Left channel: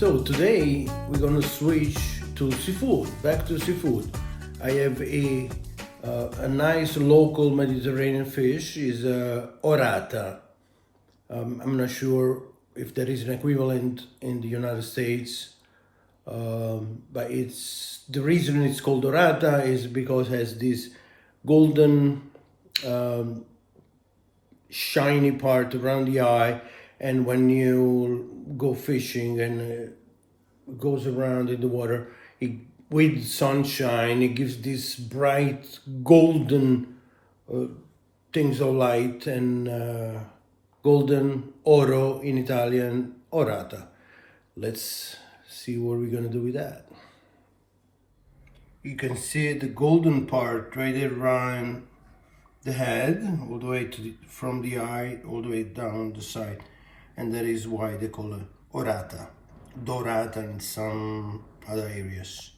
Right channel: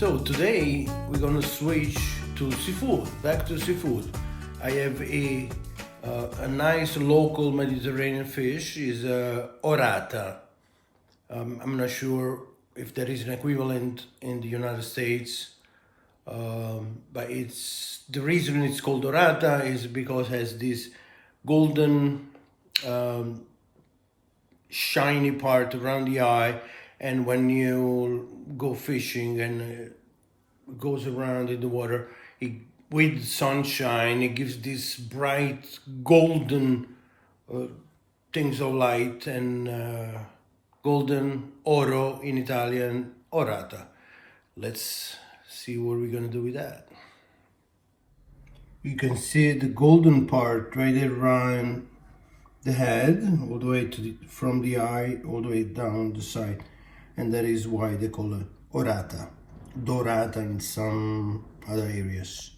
So today we're gonna switch to seafood, back to seafood. I have a nice local Mediterranean fish, is orata. I'm not sure if there is an equivalent in the United States, but it's the reason it's called orata is because it has this golden shiny part around the eye, and when you go fishing and goes around in the water, with sunshine, it gives this bright golden things of light, and golden oro in Italian, orata. Let's see what we're gonna do with that. You can see the golden part right around the head, all the way to from the eye all the way down the side, and that is why they call it orata, dorata in some other areas.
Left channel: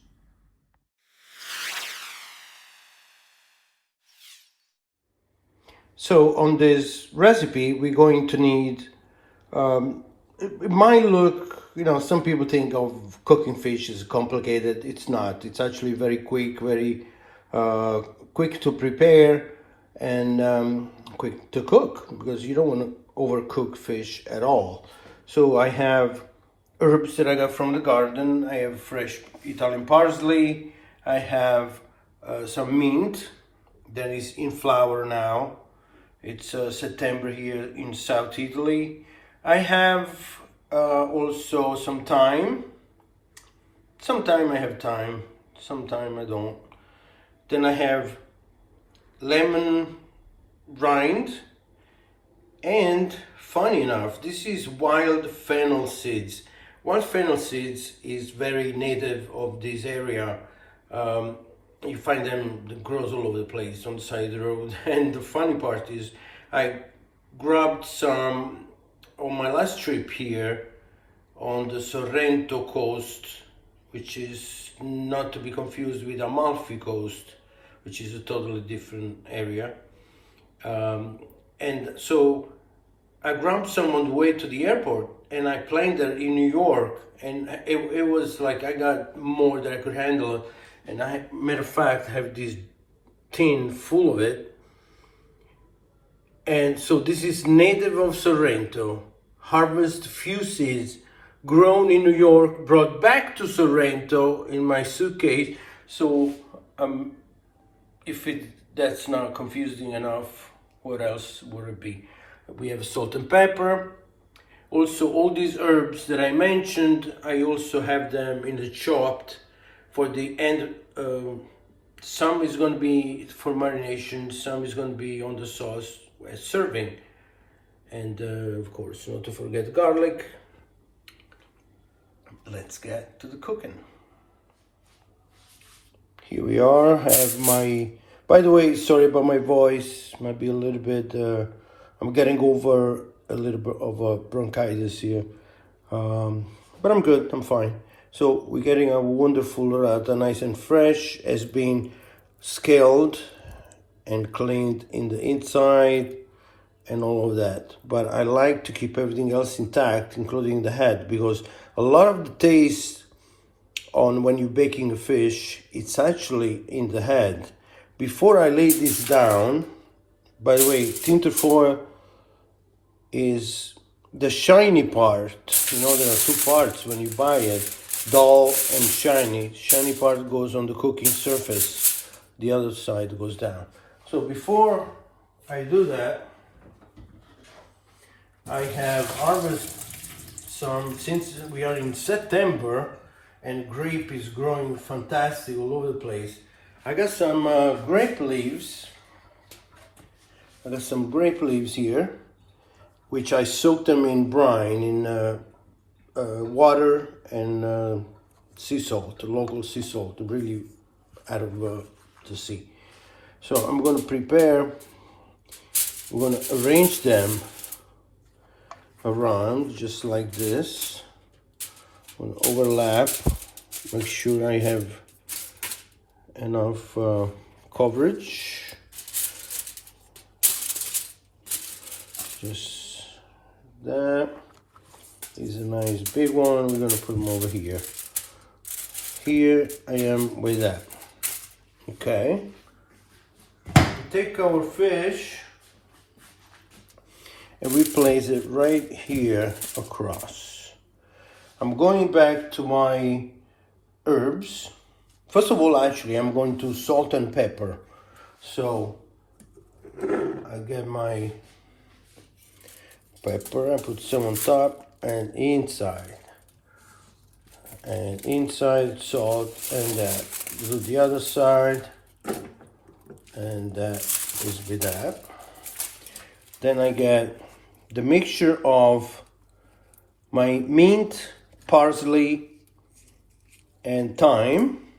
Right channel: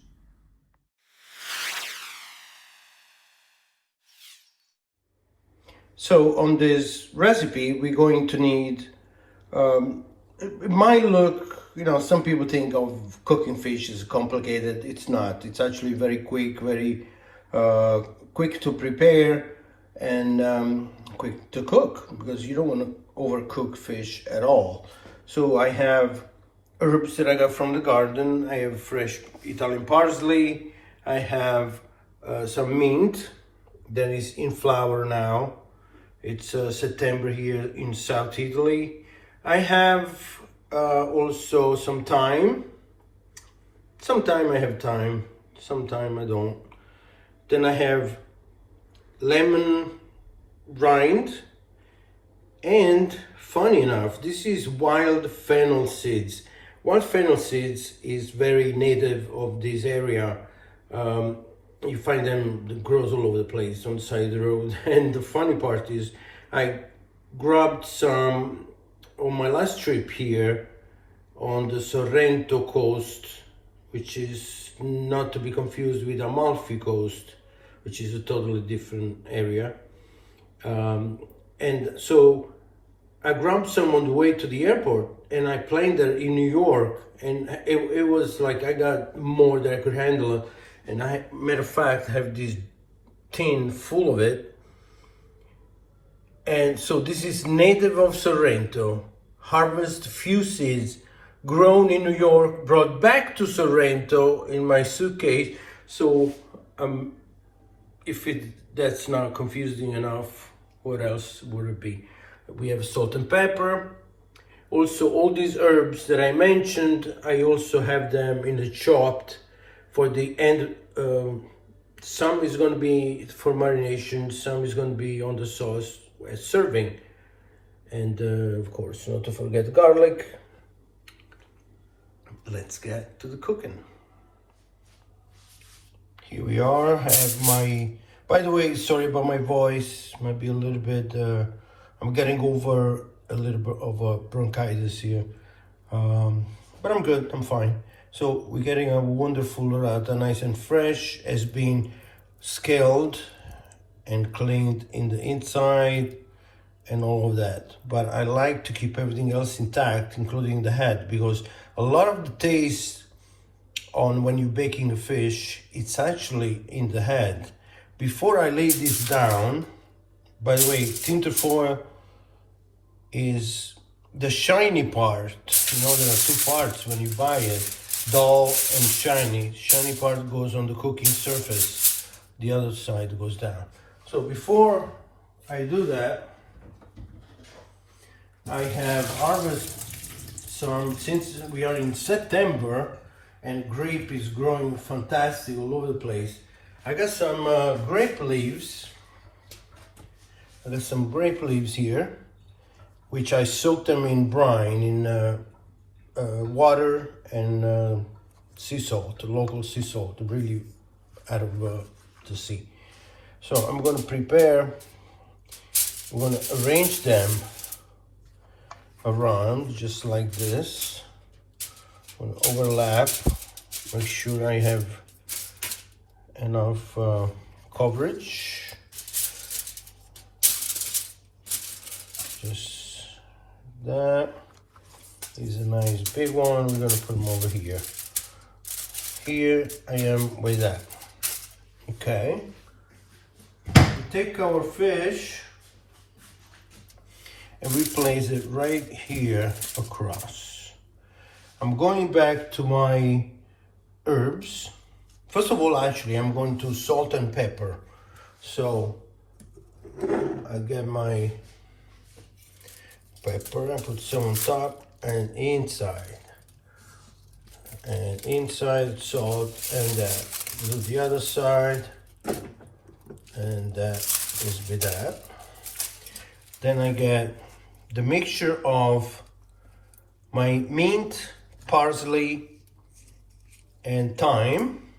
So on this recipe we're going to need, it might look, some people think of cooking fish as complicated. It's not. It's actually very quick, very quick to prepare, and quick to cook, because you don't want to overcook fish at all. So I have herbs that I got from the garden. I have fresh Italian parsley. I have some mint that is in flower now. It's September here in South Italy. I have also some thyme. Sometime I have thyme, sometime I don't. Then I have lemon rind, and funny enough, this is wild fennel seeds. Wild fennel seeds is very native of this area. You find them, that grows all over the place on the side of the road. And the funny part is I grabbed some on my last trip here on the Sorrento coast, which is not to be confused with Amalfi coast, which is a totally different area. And so I grabbed some on the way to the airport, and I planned there in New York, and it was like I got more than I could handle. And I, matter of fact, have this tin full of it. And so this is native of Sorrento, harvest few seeds, grown in New York, brought back to Sorrento in my suitcase. So if that's not confusing enough, what else would it be? We have salt and pepper. Also, all these herbs that I mentioned, I also have them in the chopped for the end. Some is going to be for marination, some is going to be on the sauce as serving. And of course, not to forget garlic. Let's get to the cooking. Here we are. I have my, by the way, sorry about my voice, might be a little bit, I'm getting over a little bit of bronchitis here, but I'm good, I'm fine. So we're getting a wonderful orata, nice and fresh, has been scaled and cleaned in the inside and all of that. But I like to keep everything else intact, including the head, because a lot of the taste on when you're baking a fish, it's actually in the head. Before I lay this down, by the way, tinterfoil is the shiny part. There are two parts when you buy it. Dull and shiny. Shiny part goes on the cooking surface. The other side goes down. So before I do that, I have harvested some, since we are in September and grape is growing fantastic all over the place. I got some grape leaves. I got some grape leaves here, which I soaked them in brine, in water and sea salt, local sea salt, really out of the sea. So I'm going to prepare, we're going to arrange them around just like this. I'm going to overlap, make sure I have enough coverage. Just that. This is a nice big one. We're gonna put them over here. Here I am with that. Okay. Take our fish and we place it right here across. I'm going back to my herbs. First of all, actually, I'm going to salt and pepper. So I get my pepper, I put some on top and inside. And inside salt, and that. Do the other side. And that is with that. Then I get the mixture of my mint, parsley, and thyme.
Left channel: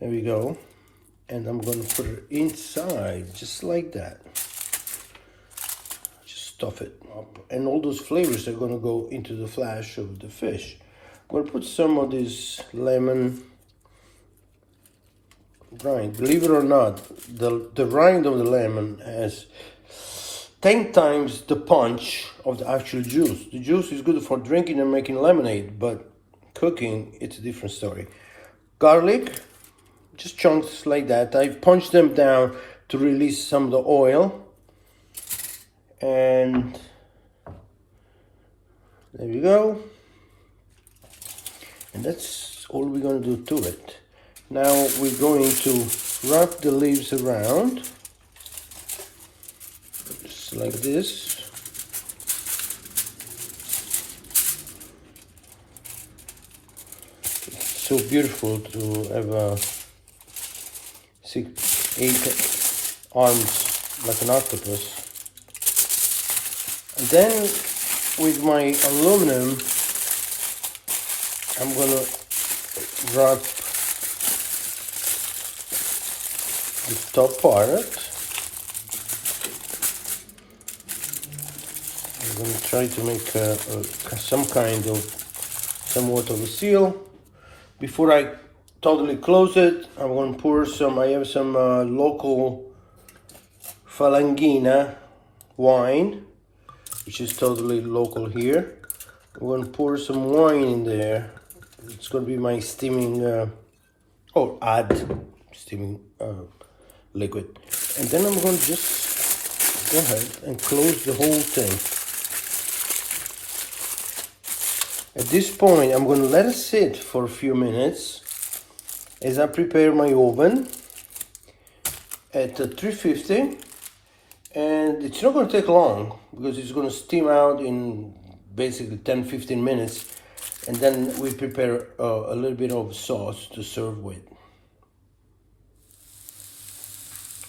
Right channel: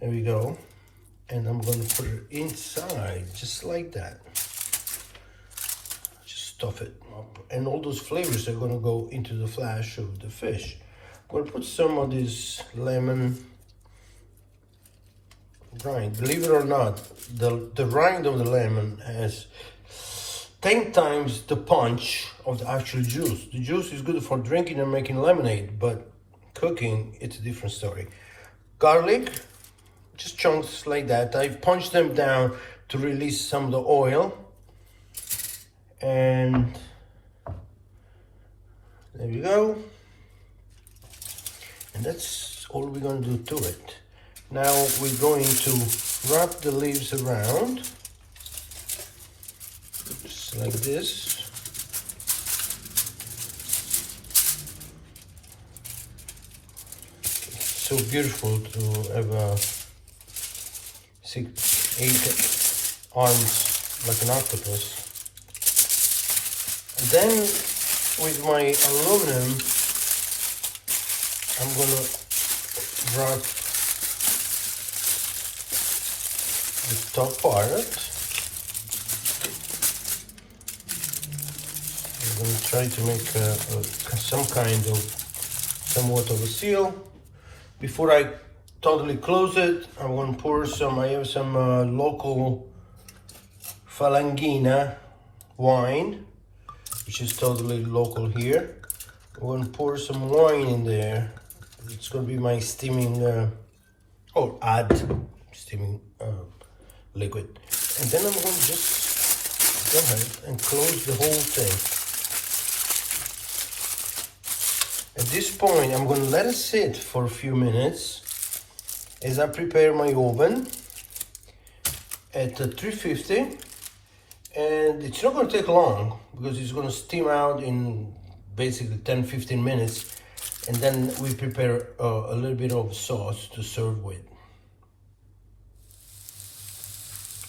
There we go. And I'm going to put it inside, just like that. Just stuff it up. And all those flavors are going to go into the flesh of the fish. I'm going to put some of this lemon rind. Believe it or not, the rind of the lemon has 10 times the punch of the actual juice. The juice is good for drinking and making lemonade, but cooking, it's a different story. Garlic, just chunks like that. I punch them down to release some of the oil. And there we go. And that's all we're going to do to it. Now we're going to wrap the leaves around, just like this. It's so beautiful to have a 6, 8 arms like an octopus. And then with my aluminum, I'm gonna wrap the top part. I'm going to try to make some kind of somewhat of a seal. Before I totally close it, I'm going to pour some, I have some local Falangina wine, which is totally local here. I'm going to pour some wine in there. It's going to be my steaming, steaming liquid. And then I'm going to just go ahead and close the whole thing. At this point, I'm going to let it sit for a few minutes as I prepare my oven at 350. And it's not going to take long because it's going to steam out in basically 10-15 minutes. And then we prepare a little bit of sauce to serve with.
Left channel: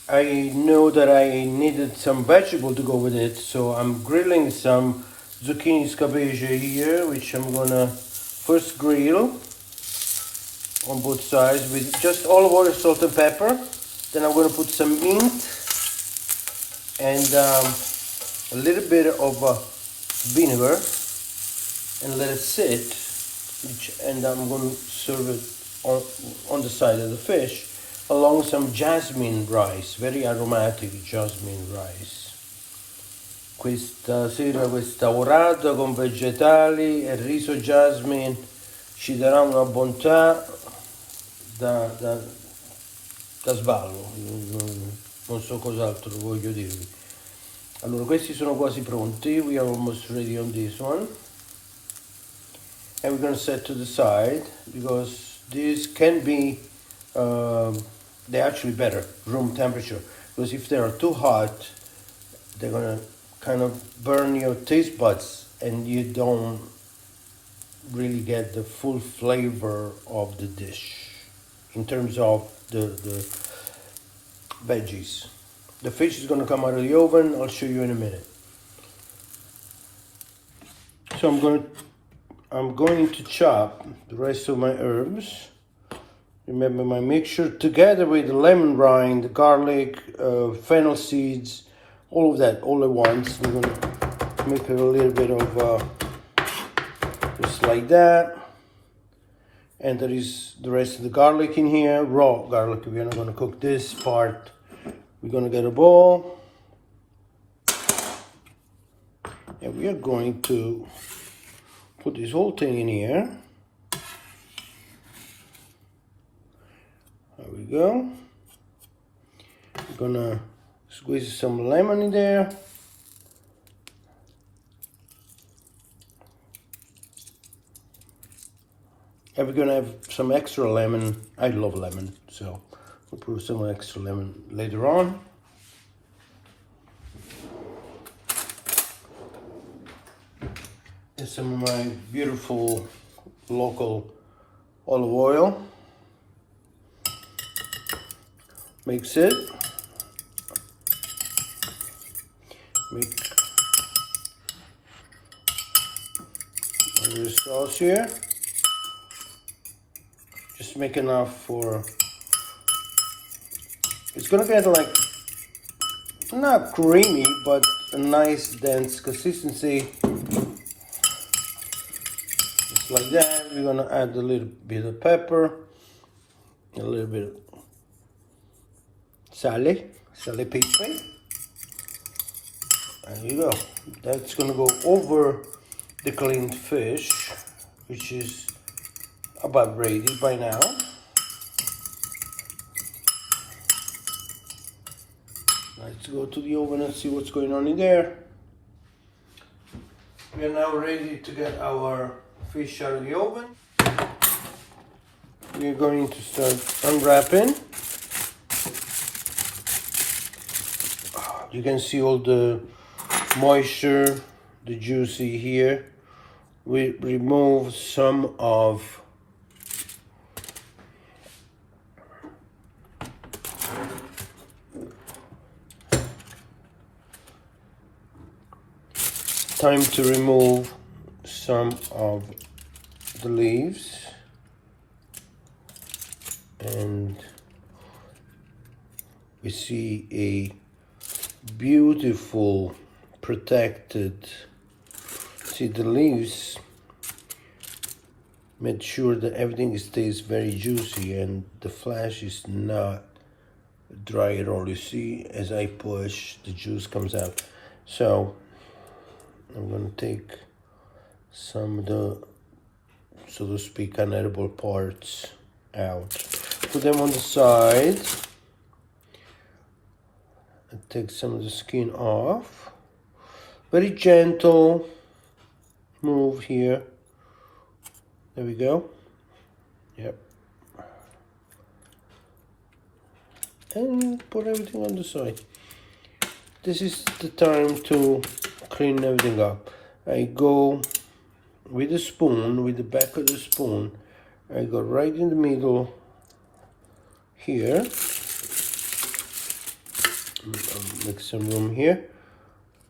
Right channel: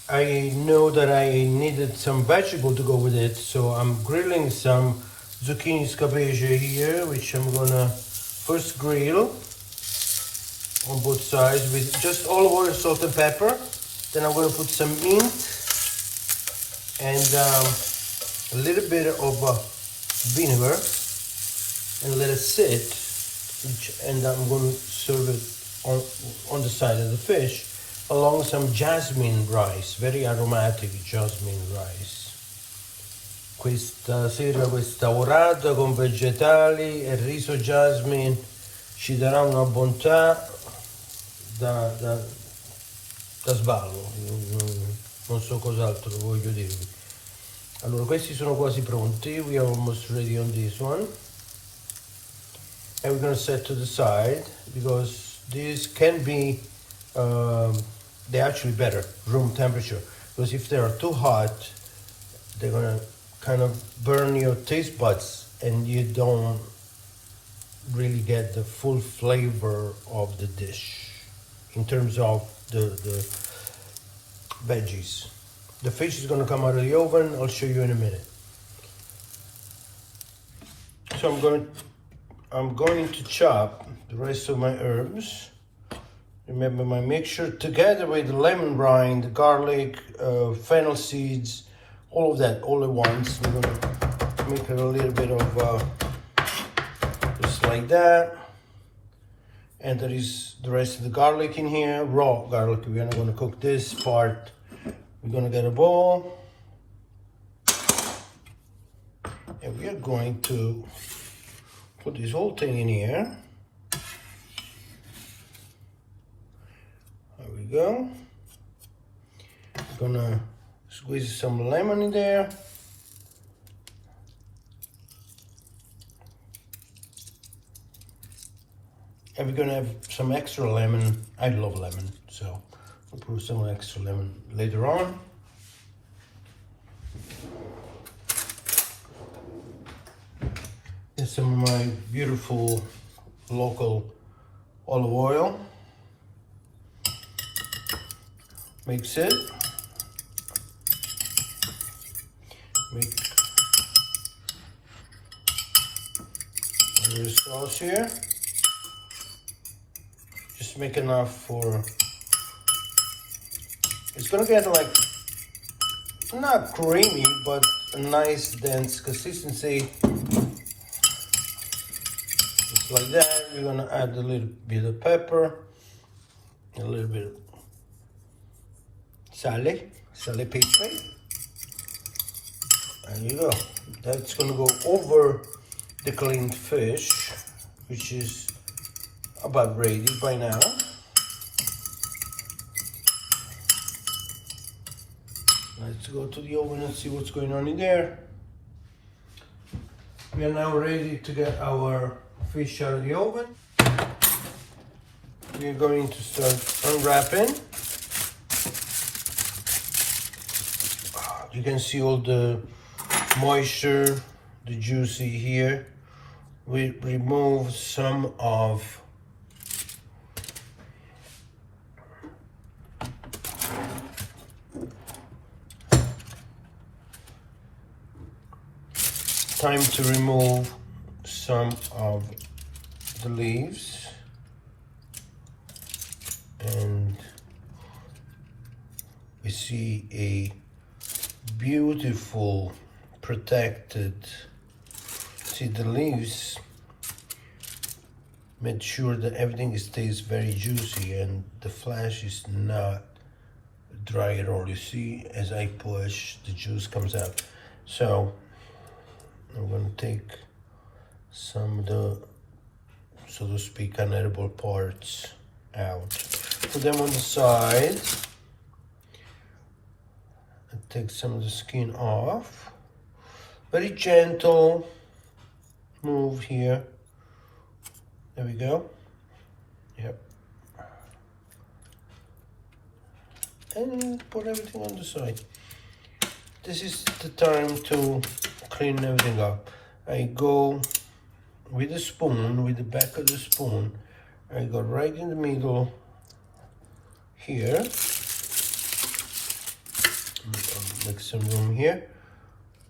I know that I needed some vegetable to go with it, so I'm grilling some zucchini scabeche here, which I'm gonna first grill on both sides with just olive oil, salt and pepper. Then I'm gonna put some mint and a little bit of vinegar and let it sit. And I'm gonna serve it on the side of the fish, along some jasmine rice, very aromatic jasmine rice. Questa sera questa orata con vegetali e riso jasmine ci darà una bontà da sballo, non so cos'altro voglio dirvi. Allora, questi sono quasi pronti, we are almost ready on this one. And we're going to set to the side because these can be they're actually better room temperature, because if they are too hot they're gonna kind of burn your taste buds and you don't really get the full flavor of the dish in terms of the veggies. The fish is going to come out of the oven. I'll show you in a minute. So I'm going to chop the rest of my herbs. Remember my mixture together with the lemon rind, the garlic, fennel seeds, all of that all at once. I'm going to make it a little bit of just like that. And there is the rest of the garlic in here, raw garlic. We're not going to cook this part. We're going to get a bowl. And And we are going to put this whole thing in here. There we go. We're gonna squeeze some lemon in there. And we're gonna have some extra lemon. I love lemon, so we'll put some extra lemon later on. And some of my beautiful local olive oil. Mix it. Make a little sauce here. Just make enough for, it's gonna get like, not creamy, but a nice dense consistency. Just like that. We're gonna add a little bit of pepper, a little bit of sally pepper. There you go. That's gonna go over the cleaned fish, which is about ready by now. Let's go to the oven and see what's going on in there. We are now ready to get our fish out of the oven. We're going to start unwrapping. You can see all the moisture, the juicy here. We remove some of time to remove some of the leaves, and we see a beautiful protected, see the leaves made sure that everything stays very juicy and the flesh is not dry at all. You see, as I push, the juice comes out. So I'm going to take some of the, so to speak, unedible parts out. Put them on the side. And take some of the skin off. Very gentle move here. There we go. Yep. And put everything on the side. This is the time to clean everything up. I go with the spoon, with the back of the spoon, I go right in the middle here. Make some room here.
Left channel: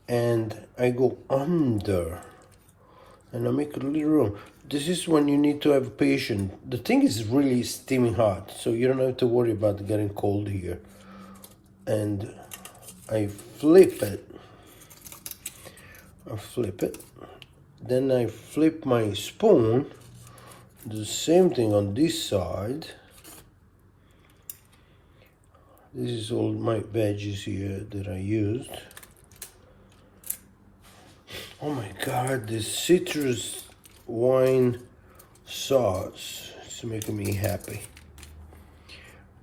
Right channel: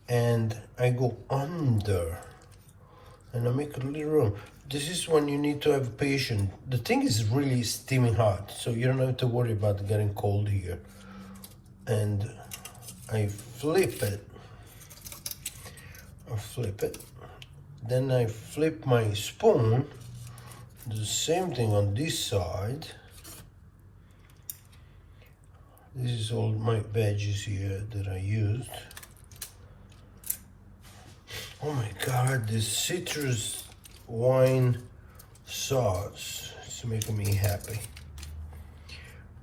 And I go under. And I make a little room. This is when you need to have patience. The thing is really steaming hot, so you don't have to worry about getting cold here. And I flip it. I flip it. Then I flip my spoon. Do the same thing on this side. This is all my veggies here that I used. Oh my God, this citrus wine sauce is making me happy.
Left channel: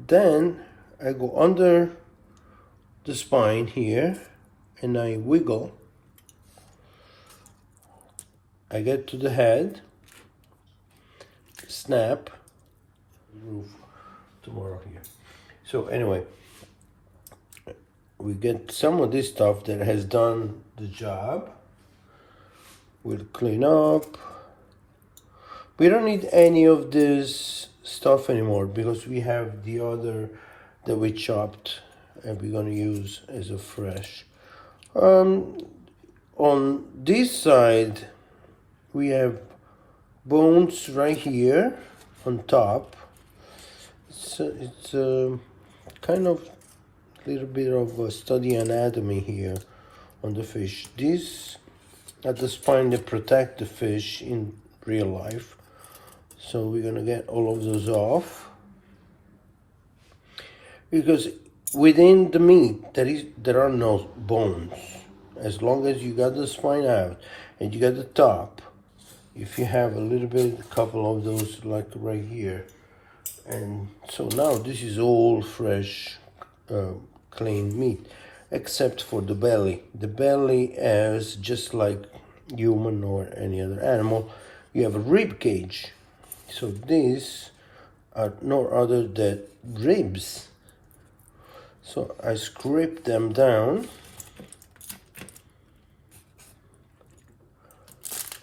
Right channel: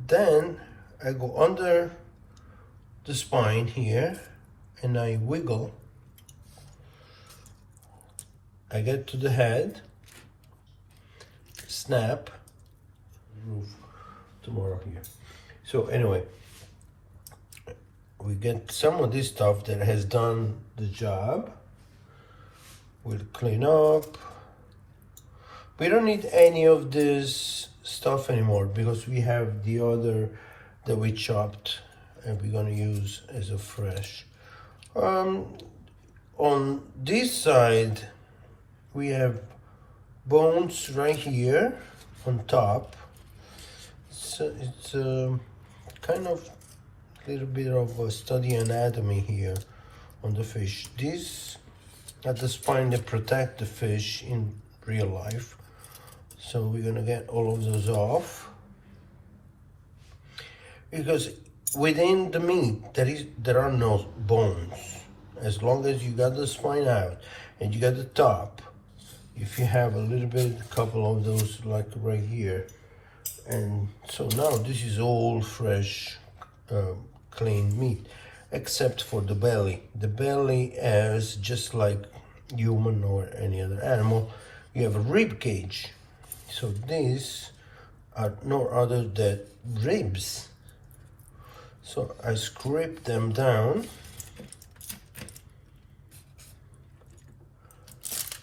Then I go under the spine here and I wiggle. I get to the head, snap, move tomorrow here. So anyway, we get some of this stuff that has done the job. We'll clean up. We don't need any of this stuff anymore because we have the other that we chopped and we're gonna use as a fresh. On this side, we have bones right here on top. So it's kind of a little bit of a study anatomy here on the fish. This at the spine, they protect the fish in real life. So we're gonna get all of those off. Because within the meat, there are no bones. as long as you got the spine out and you got the top. If you have a little bit, a couple of those like right here. And so now this is all fresh, clean meat, except for the belly. The belly is just like human or any other animal. You have a rib cage. So these are no other than ribs. So I scrape them down.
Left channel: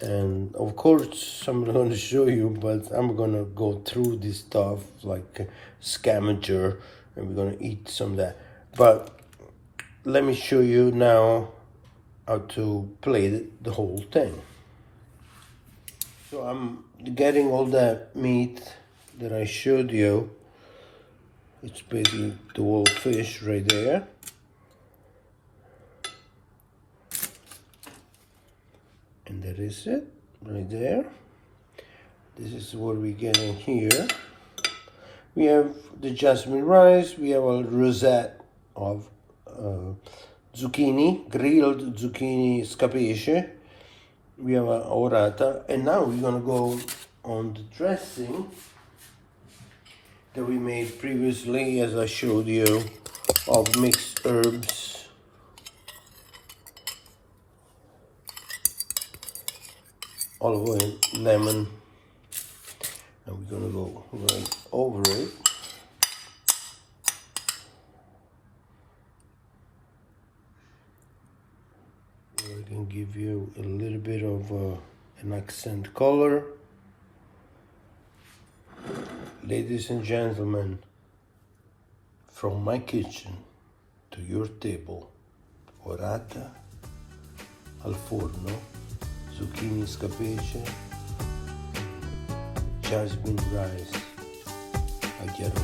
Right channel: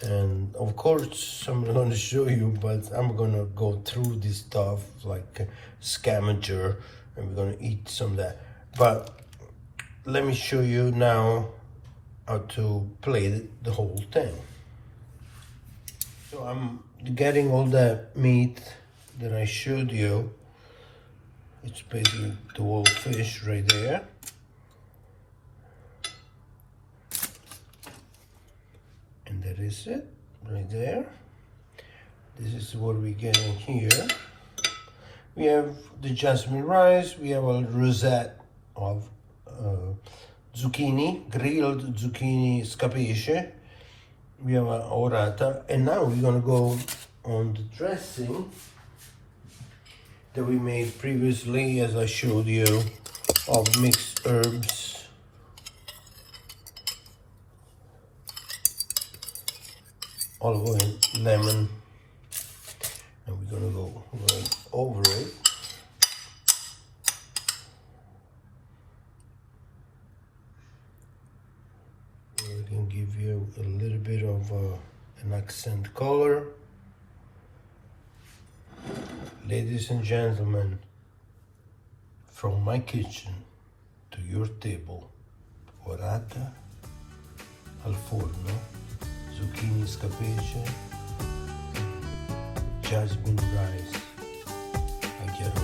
And of course, I'm not going to show you, but I'm going to go through this stuff like a scavenger, and we're going to eat some of that. But let me show you now how to plate the whole thing. So I'm getting all that meat that I showed you. It's basically the whole fish right there. And that is it, right there. This is what we get in here. We have the jasmine rice, we have a rosette of zucchini, grilled zucchini scapice. We have a orata, and now we're gonna go on the dressing that we made previously, as I showed you, of mixed herbs. Olive oil, lemon, and we're gonna go right over it. I can give you a little bit of an accent color. Ladies and gentlemen, from my kitchen to your table, orata al forno, zucchini scapice, jasmine rice. I get